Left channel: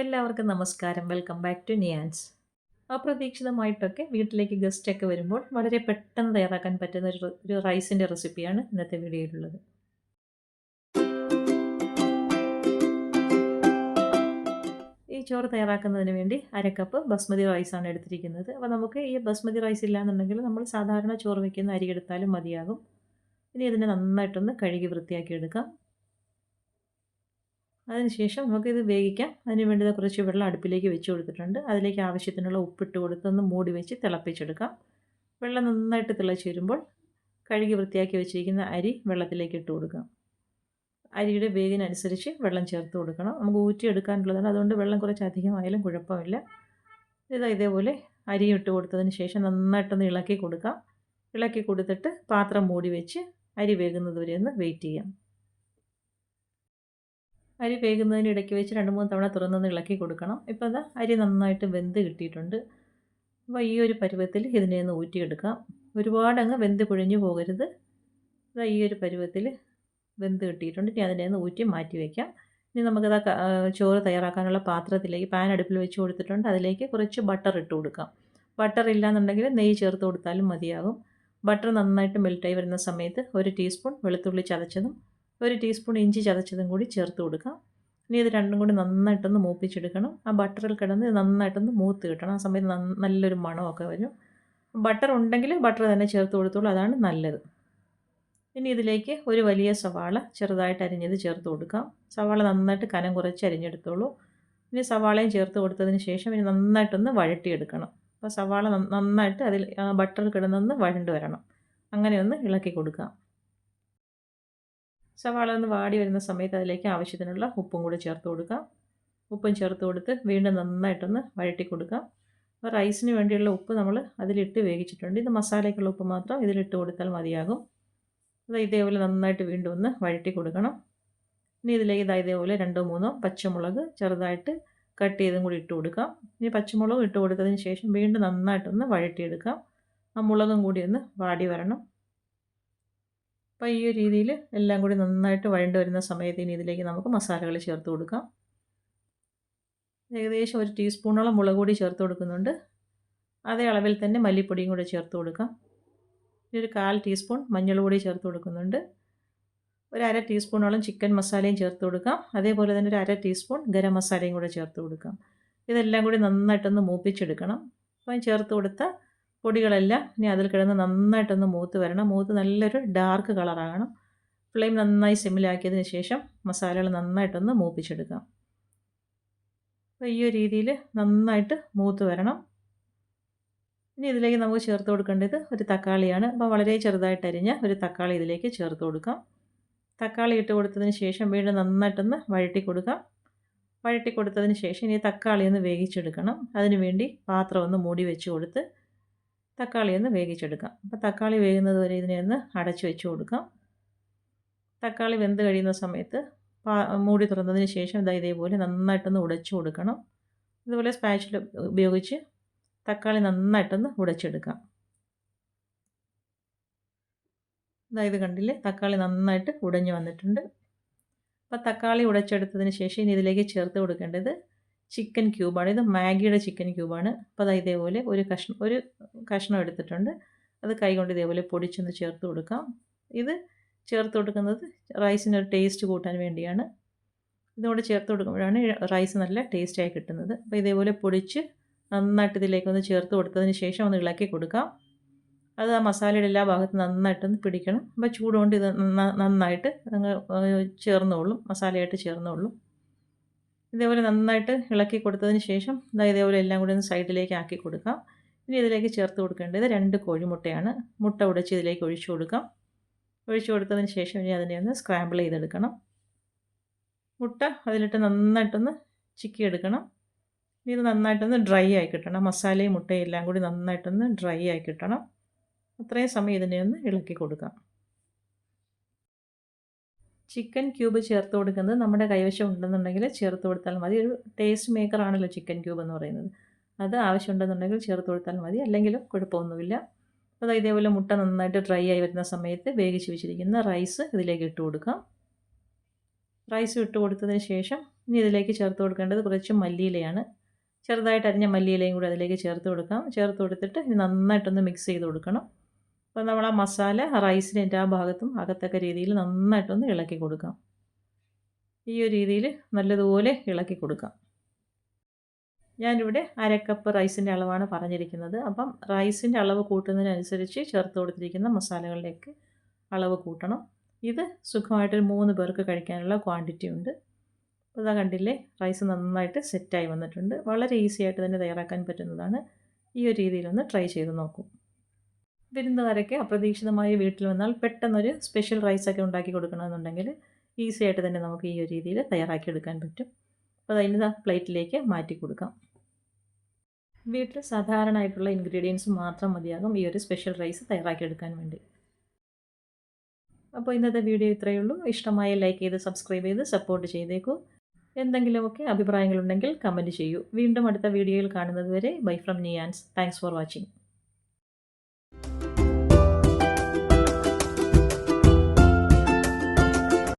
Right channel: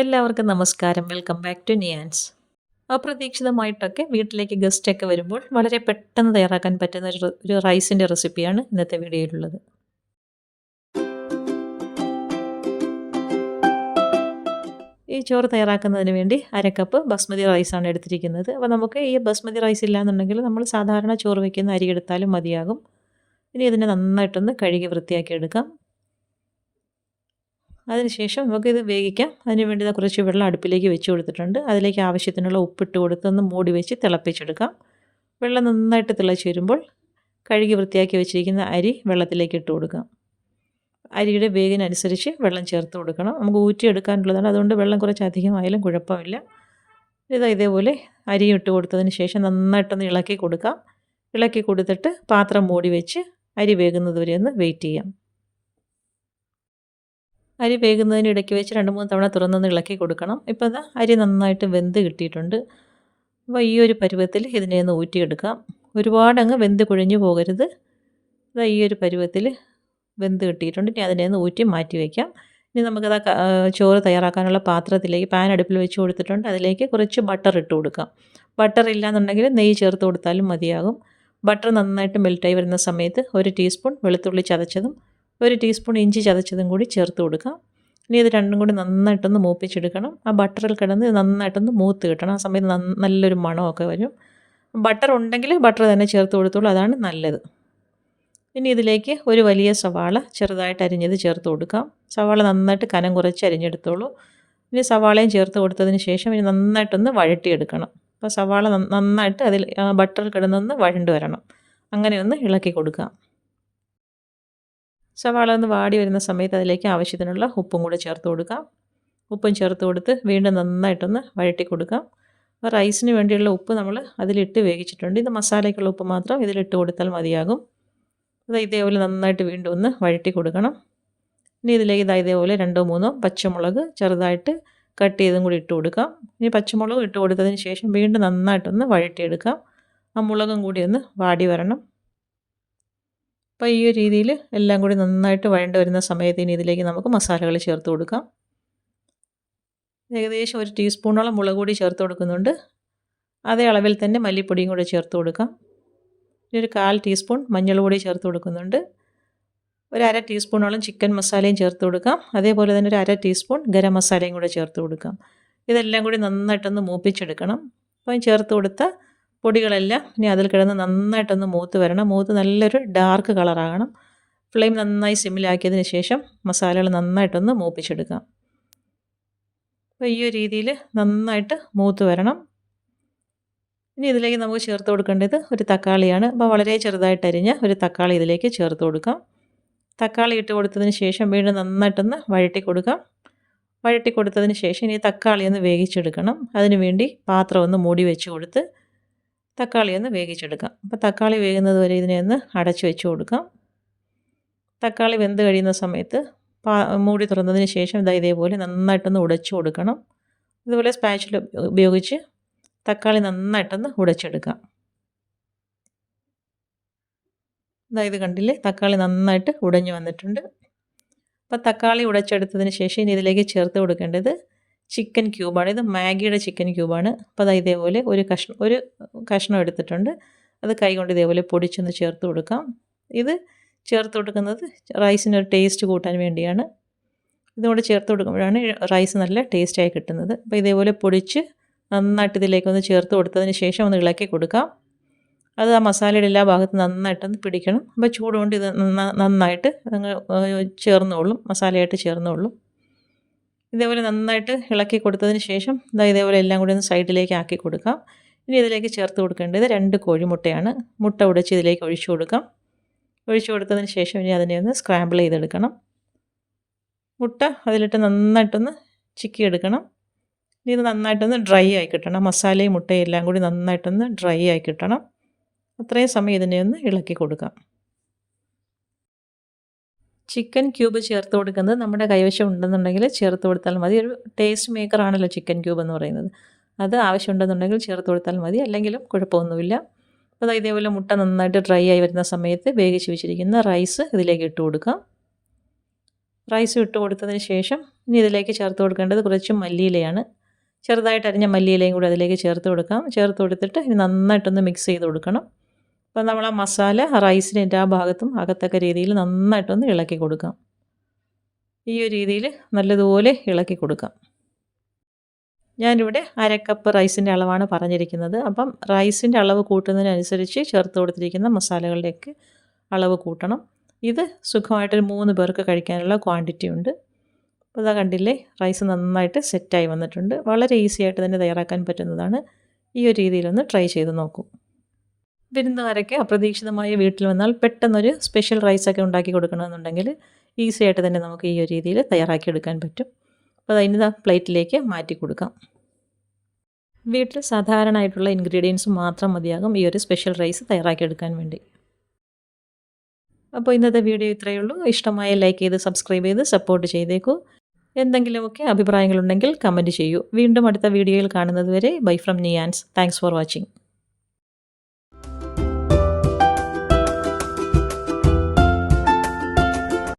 എല്ലാവർക്കും നമസ്കാരം. Welcome back to നിയാൻസ് അപ്രതീക്ഷിതമായിട്ടൊക്കെ വീട്ടിലേക്ക് ഗസ്റ്റൊക്കെ വരുമ്പോൾ വളരെ പെട്ടെന്ന് തയ്യാറാക്കാൻ പറ്റുന്ന ഒരു റൈസിന്റെ റെസിപ്പിയാണ് ഇന്നത്തെ വീഡിയോയിലുള്ളത്. ഈ ചോറ് തയ്യാറാക്കുന്നതിന് വേണ്ടി അര കപ്പ് ബസ്മതി റൈസാണ് എടുത്തിരിക്കുന്നത്. അപ്പോൾ നമുക്ക് ഈ ബസ്മതി റൈസ് ഇല്ലാന്നുണ്ടെങ്കിൽ നമ്മൾ സാധാരണ ചോറ് വയ്ക്കുന്ന അരി എടുത്താലും മതിയാകും. ഇനി ഇതിനെ നന്നായിട്ടൊന്ന് കഴുകി വൃത്തിയാക്കി എടുക്കാം. അതിനുശേഷം നമുക്കിത് വേവിക്കാം. അതിന് വേണ്ടി കുറച്ച് വെള്ളം അടുപ്പിലേക്ക് വെച്ച് കൊടുത്തിട്ടുണ്ട്. അതിലേക്ക് ആവശ്യത്തിനുള്ള ഉപ്പിട്ട് കൊടുത്തൊന്ന് മൂടി വെച്ച് തിളപ്പിച്ചെടുക്കാം. വെള്ളം നന്നായിട്ട് തിളച്ച് വരുമ്പോൾ കഴുകി വൃത്തിയാക്കി വെച്ചിരിക്കുന്ന അരി വെള്ളത്തിലേക്ക് ഇട്ട് കൊടുക്കാം. അരിയുടെ വേഗിനനുസരിച്ച് വെള്ളം ചേർത്ത് കൊടുക്കണം. നമുക്ക് ഊറ്റിയെടുക്കാനുള്ളതാണ്. അതുകൊണ്ട് വെള്ളം കുറച്ച് അധികമായാലും കുഴപ്പമില്ല. ഇതാ ഇതേപോലെ അരി ഇട്ട് കൊടുത്തതിന് ശേഷം നന്നായിട്ടൊന്ന് ഇളക്കി കൊടുക്കാം. ഇളക്കി കൊടുത്തിട്ട് പാത്രം മൂടി വെച്ച് അരി വേകുന്നത് വരെ ഒന്ന് വെയിറ്റ് ചെയ്യാം. അരി വേകുന്നതിന് ഇടയ്ക്ക് വെച്ച് രണ്ട് മൂന്ന് തവണ തുറന്നൊന്ന് ഇളക്കി കൊടുക്കണം. ഇപ്പോൾ അത് അരി നന്നായിട്ട് വെന്ത് കിട്ടിയിട്ടുണ്ട്. അപ്പോൾ ഈ ഒരു പരുവത്തിൽ ഇതിനെ ഒന്ന് ഊറ്റിയെടുക്കാം. ഒരുപാട് അങ്ങ് വെന്ത് കുഴഞ്ഞു പോകരുത്. അത് ഈ ഒരു പരുവത്തിൽ വെന്ത് കിട്ടിയിട്ടുണ്ട്. ഇനി അതിനെ ഒന്ന് ഊറ്റി മാറ്റി വയ്ക്കാം ഇനി നമുക്കത് ചോറ് തയ്യാറാക്കാനുള്ള പാത്രത്തിലേക്ക് പാൻ അടുപ്പിൽ വെച്ച് കൊടുത്തിട്ടുണ്ട്. അതിലേക്ക് കുറച്ച് ബട്ടർ ഇട്ട് കൊടുക്കാം. ബട്ടർ ഇല്ലാന്നുണ്ടെങ്കിൽ നെയ്യ് ചേർത്ത് കൊടുത്താലും മതിയാകും. ബട്ടർ നന്നായിട്ട് മെൽറ്റായി വരുന്ന സമയത്ത് ഒരു ടീസ്പൂൺ വെളുത്തുള്ളി ചതച്ചതും ഒരു ടീസ്പൂൺ ഇഞ്ചി ചതച്ചതും കൂടി ചേർത്ത് കൊടുക്കാം. ഇനി ഇത് രണ്ടും കൂടി നന്നായിട്ടൊന്ന് മൂപ്പിച്ചെടുക്കണം. ആ ബട്ടറിൽ കിടന്ന് നന്നായിട്ടൊന്ന് മൂത്ത് കിട്ടണം. ആ സമയത്ത് നല്ലൊരു മണമൊക്കെ വരും. ബട്ടർ ഉണ്ടെങ്കിൽ ബട്ടർ തന്നെ ചേർത്ത് കൊടുത്തോളൂ. അതാണ് നല്ലത്. ഇനി ഇതിലേക്ക് ഒരു വലിയ സവാള ചെറുതായിട്ട് അരിഞ്ഞത് ചേർത്ത് കൊടുക്കാം. സവാള നന്നായിട്ട് കനം കുറച്ച് അരിഞ്ഞെടുത്തോളൂ. ഇനി സവാളയും ചേർത്ത് കൊടുത്തതിന് ശേഷം ഇനി നന്നായിട്ടൊന്ന് വഴട്ടിയെടുക്കണം അപ്പോൾ സവാള നന്നായിട്ട് അതിൽ ബട്ടറിൽ കിടന്നൊന്ന് വഴണ്ട് വരണം. അങ്ങനെ ഒന്ന് ഇളക്കി കൊടുക്കാം. സവാള ഒന്ന് വാടി വരുന്ന സമയത്ത് അതിലേക്ക് ആവശ്യത്തിനുള്ള ഉപ്പും കൂടെ ചേർത്ത് കൊടുക്കാം. ഉപ്പും ചേർത്ത് കൊടുത്ത് വീണ്ടും നന്നായിട്ടൊന്ന് വഴട്ടി കൊടുക്കാം. അപ്പോൾ റൈസിന് വേണ്ടിയുള്ള ഉപ്പ് നമ്മൾ അതിലിട്ട് വേവിച്ചിട്ടുണ്ട്. ഇത് മസാലയ്ക്കുള്ള ഉപ്പ് മാത്രം ഇതിലിട്ട് കൊടുത്താൽ മതിയാകും. അത് ഇതേപോലെ നന്നായിട്ട് വീണ്ടും ഒന്ന് വഴട്ടി കൊടുക്കണം. ഇനി ഇതിലേക്ക് ഇതാ ഇതേപോലെ രണ്ടോ മൂന്നോ പച്ചമുളക് ചെറുതായിട്ട് കട്ട് ചെയ്തും കൂടി ഇട്ട് കൊടുക്കാം. ഇനി പച്ചമുളക് ഇട്ട് കൊടുത്തതിന് ശേഷം വീണ്ടും നന്നായിട്ടൊന്ന് വഴട്ടിയെടുക്കാം ആ മുളകും കൂടി ഒന്ന് വാടി വരണം. അപ്പോൾ ഈ ഒരു രീതിയിൽ എല്ലാം കൂടി നന്നായിട്ട് വഴണ്ട് വരുന്ന സമയത്ത് ഇനി ഇതിലേക്ക് നമുക്ക് മസാലകൾ ചേർത്ത് കൊടുക്കാം. ഏകദേശം ഒരു ടീസ്പൂണോളം മുളക് പൊടി ചേർത്ത് കൊടുക്കുന്നുണ്ട്. അതേ അളവിൽ തന്നെ മല്ലിപ്പൊടിയും കൂടെ ചേർത്ത് കൊടുക്കാം. ഇനി ഒരു കാൽ ടീസ്പൂൺ മഞ്ഞൾ പൊടി ചേർത്ത് കൊടുക്കുന്നുണ്ട്. ഒരു അര ടീസ്പൂണോളം ചിക്കൻ മസാലയും ചേർത്ത് കൊടുക്കാം. അതേപോലെ തന്നെ ഒരു അര ടീസ്പൂൺ ഗരം മസാലയും കൂടെ ചേർത്ത് കൊടുക്കാം. ഇതെല്ലാം കൂടി നന്നായിട്ടൊന്ന് മൂപ്പിച്ചെടുക്കണം. അപ്പം ചേർത്ത് കൊടുത്ത പൊടികളെല്ലാം ഇനി അതിൽ കിടന്ന് നന്നായിട്ടൊന്ന് മൂത്ത് വരണം. മൂത്ത് നല്ലൊരു ഡാർക്ക് കളറാകണം ഫ്ലെയിം നന്നായി സിമ്മിലാക്കിയതിന് ശേഷം മസാലകൾ നന്നായിട്ടൊന്ന് മൂപ്പിച്ചെടുക്കാം. അപ്പോൾ ഈ ഒരു രീതിയിൽ നന്നായിട്ട് മൂത്ത് വരണം. ഇനി ഇതിലേക്ക് നമുക്ക് ചേർത്ത് കൊടുക്കേണ്ടത് ഒരു തക്കാളിയാണ്. അപ്പോൾ വളരെ ചെറുതായിട്ട് അരിഞ്ഞ് ഒരു തക്കാളി ഇതിലേക്ക് ചേർത്ത് കൊടുക്കാം. തക്കാളി ഇട്ട് കൊടുത്തതിന് ശേഷം വീണ്ടും നന്നായിട്ടൊന്ന് വഴറ്റി കൊടുക്കാം. വഴറ്റി കൊടുത്തതിന് ശേഷം ഇനി തക്കാളി ഒന്ന് വേവിച്ചെടുക്കണം. അതിന് വേണ്ടി പാത്രം ഒന്ന് മൂടി വെച്ച് കൊടുത്ത് തക്കാളി ഒന്ന് വേവിച്ചെടുക്കാം. അപ്പോൾ തക്കാളി വേകുന്നത് വരെ ഇതിനെ ഒന്ന് അടച്ചു വെച്ച് കൊടുക്കാം. തക്കാളി വെന്ത് കഴിയുന്ന സമയത്ത് പാ മൂടി തുറന്നതിന് ശേഷം ഇതാ ഇതേപോലെ നന്നായിട്ടൊന്ന് ഉടച്ചു കൊടുക്കണം. ഇതുപോലെ സ്പാച്ചിൽ ഉപയോഗിച്ച് തക്കാളി നന്നായിട്ടൊന്ന് ഉടച്ചെടുക്കാം. അതായത് കണ്ടില്ലേ? തക്കാളി നന്നായിട്ട് ഉടഞ്ഞു വന്നിട്ടുണ്ട്. അപ്പോൾ തക്കാളി ഉടച്ചെടുത്തതിന് ശേഷം ഇനി ഇതിലേക്ക് ചേർത്ത് കൊടുക്കേണ്ടത് ചിക്കൻ ക്യൂബാണ്. ഇത് മാഗിയുടെ ചിക്കൻ ക്യൂബാണ്. അപ്പോൾ അത് ഇതേപോലെ ഒരു കഷ്ണം ഒരു കഷ്ണം എടുത്തിട്ടുണ്ട്. അത് കൈകൊണ്ട് ഇതേപോലെ പൊടിച്ചൊന്ന് ചേർത്ത് കൊടുക്കാം. ഇത് ചേർത്ത് കൊടുക്കുന്നത് റൈസിനൊരു ടേസ്റ്റ് കൂട്ടാൻ വേണ്ടിയാണ്. ഇതുകൊണ്ട് ചേർത്ത് കൊടുക്കുമ്പോഴാണ് റൈസ് നല്ല ടേസ്റ്റായി കിട്ടുന്നത്. അപ്പോൾ ഇതേപോലെ പൊടിച്ച് നന്നായിട്ട് ഇതിലേക്കൊന്ന് ചേർത്ത് കൊടുത്തതിന് ശേഷം ഒന്ന് ഇളക്കി കൊടുക്കാം. അത് ആ മസാലയുടെ എല്ലാ ഭാഗത്തും നന്നായിട്ടൊന്ന് പിടിക്കണം. അപ്പോൾ ചൂടുകൊണ്ട് ഇത് നന്നായിട്ട് ചേർന്നോളും. മസാലയായിട്ട് ചേർന്നോളും. ഇതേപോലെ നന്നായിട്ട് ഇളക്കി കൊടുത്തതിന് ശേഷം ഇതാ ഇതേപോലെ എല്ലാം കൂടി ഒന്ന് സൈഡിലേക്ക് ആക്കി കൊടുക്കാം. ഇനി ഇതിലേക്ക് ചേർത്ത് കൊടുക്കേണ്ടത് രണ്ട് കോഴിമുട്ടയാണ്. മുട്ട ഉടച്ച് ഇതിലേക്ക് ഒഴിച്ചു കൊടുക്കാം. ഒഴിച്ചു കൊടുത്തതിന് ശേഷം ഇനി അതിനെ ഒന്ന് സ്ക്രാമ്പിൾ ചെയ്തെടുക്കണം. മുട്ട അതിലിട്ട് നന്നായിട്ടൊന്ന് ചിക്കി എടുക്കണം ഇനി ഇത് നന്നായിട്ടൊന്ന് ഡ്രൈ ആയി കിട്ടണം. മസാലയും മുട്ടയും എല്ലാം കൂടി നന്നായിട്ടൊന്ന് ഡ്രൈ ആയി കിട്ടണം. അത്രയും സമയം ഇതിനെ ഒന്ന് ഇളക്കി കൊടുക്കാം. ചിക്കൻ ക്യൂബ് ചേർത്ത് കൊടുക്കുന്നത് നമ്മുടെ കൈവശം ഉണ്ടെന്നുണ്ടെങ്കിൽ ചേർത്ത് കൊടുത്താൽ മതി. ഒരു ടേസ്റ്റ് മേക്കറാണല്ലോ ചിക്കൻ ക്യൂബ് എന്ന് പറയുന്നത്. അത് ആവശ്യമുണ്ടെന്നുണ്ടെങ്കിൽ ചേർത്ത് കൊടുത്താൽ മതി. അല്ലെങ്കിലും കുഴപ്പമൊന്നുമില്ല. അപ്പോൾ ഇതേപോലെ മുട്ട നന്നായിട്ട് ഡ്രൈ ആയി വരുന്ന സമയത്ത് വേവിച്ച് വെച്ചിരിക്കുന്ന റൈസ് ഇതിലേക്ക് ഇട്ട് കൊടുക്കാം. റൈസ് ഇട്ട് കൊടുത്തതിന് ശേഷം ഇനി ഇതിലേക്ക് ചേർത്ത് കൊടുക്കേണ്ടത് കുറച്ച് മല്ലിയിലയാണ്. ചെറുതായിട്ട് അരിഞ്ഞ മല്ലിയിലയും കൂടി അതിലേക്ക് ചേർത്ത് കൊടുക്കാം. ചേർത്ത് കൊടുത്തിട്ട് ഇനി നന്നായിട്ടൊന്ന് മിക്സ് ചെയ്ത് കൊടുക്കണം. അപ്പോൾ നമ്മൾ ആ മസാല റൈസിന്റെ ആ ഭാഗത്തും അകത്തക്ക രീതിയിൽ നന്നായിട്ടൊന്ന് ഇളക്കി കൊടുക്കാം. ഈ ഒരു രീതിയിൽ നല്ലതുപോലെ ഇളക്കി കൊടുക്കാം. ഞാനിവിടെ അരക്കപ്പ് റൈസിന്റെ അളവാണ് പറഞ്ഞിരിക്കുന്നത്. അപ്പം റൈസിന്റെ അളവ് കൂട്ടുന്നതിനനുസരിച്ച് ചേർത്ത് കൊടുത്തിരിക്കുന്ന മസാലകളുടെയൊക്കെ അളവ് കൂട്ടണം. ഇത് സുഖമായിട്ടൊരു മൂന്ന് പേർക്ക് കഴിക്കാനുള്ള ക്വാണ്ടിറ്റി ഉണ്ട്. അപ്പോൾ ഇതാ കണ്ടില്ലേ റൈസ് നന്നായിട്ട് സെറ്റായി വന്നിട്ടുണ്ട്. വളരെ ഈസി ആയിട്ട് തന്നെ തയ്യാറാക്കാൻ പറ്റുന്നതാണ്. ഈ ഒരു രീതിയിലൊന്ന് ട്രൈ ചെയ്ത് നോക്കൂ. വിരുന്നുകാരൊക്കെ അപ്രതീക്ഷിതമായി വീട്ടിൽ വന്നാൽ പെട്ടെന്നൊരു സ്പെഷ്യൽ റൈസൊക്കെ ഉണ്ടാക്കി കൊടുക്കണമെന്നുണ്ടെങ്കിൽ ഈസി ആയിട്ട് തന്നെ നമുക്ക് ഈ ഒരു രീതിയിൽ തയ്യാറാക്കിയെടുക്കാൻ പറ്റും. അപ്പോൾ അതിന് പ്ലേറ്റിലേക്ക് മാറ്റി കൊടുക്കാം. വീട്ടിൽ സാധാരണയായിട്ടുള്ള ഇൻഗ്രീഡിയൻസ് മാത്രം മതിയാകും ഈ ഒരു സ്പെഷ്യൽ റൈസ് തയ്യാറാക്കിയെടുക്കാൻ വേണ്ടി. അപ്പോൾ ഇന്നത്തെ വീഡിയോ ഇത്രയേ ഉള്ളൂ. ഇഷ്ടമായ ലൈക്ക് ചെയ്ത് സബ്സ്ക്രൈബ് ചെയ്ത് സപ്പോർട്ട് ചെയ്തേക്കൂ. എന്തെങ്കിലുമൊക്കെ അഭിപ്രായങ്ങളുണ്ടെങ്കിൽ കമന്റ് ചെയ്യൂ. വീണ്ടും അടുത്ത വീഡിയോയിൽ കാണുന്നതുവരെ bye from Niyan's thanks for watching